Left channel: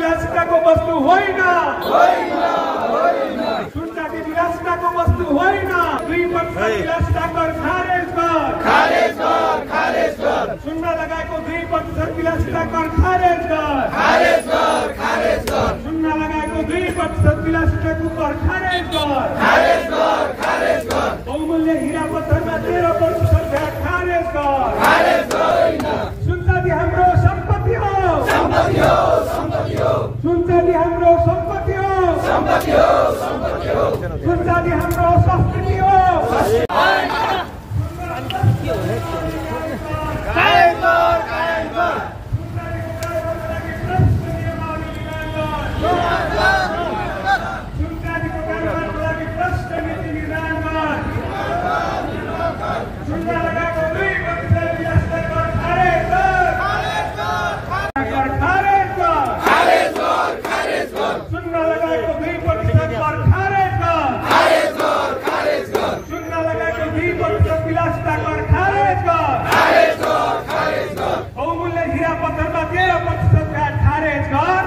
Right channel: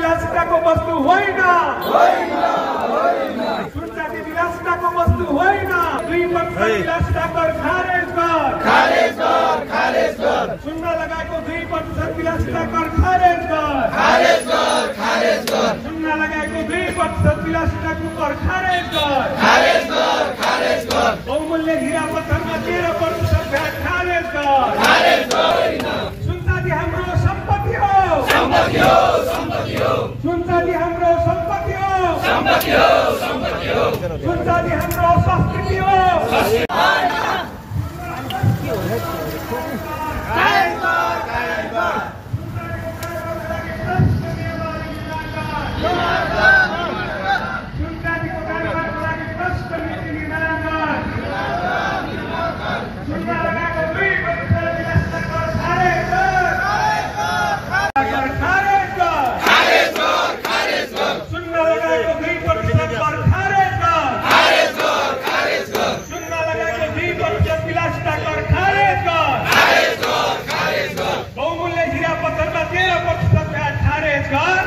विलासिताको वस्तु होइन, सुनचाँदी विलासिताको वस्तु होइन। 2% विलासिता कर खारेज कर। सुन्न लगाएको 2% विलासिता कर खारेज कर। सुन्न लगाएको 2% विलासिताको कर खारेज कर। बहुमूल्य हीरा पत्थरमा 13% भ्याट खारेज कर। सुनचाँदी हाम्रो सम्पत्ति हो। सुनचाँदी हाम्रो सम्पत्ति हो। सुनचाँदी हाम्रो संस्कृति हो। सुनचाँदीको कारोबारको लागि भ्रष्ट नीति निर्माण गर। सुन्न लगाएको 2% विलासिता कर खारेज कर। सुन्न लगाएको 2% कर खारेज कर। सुन्न लगाएको 2% विलासिता कर खारेज कर। बहुमूल्य हीरा पत्थरमा 13% भ्याट खारेज कर।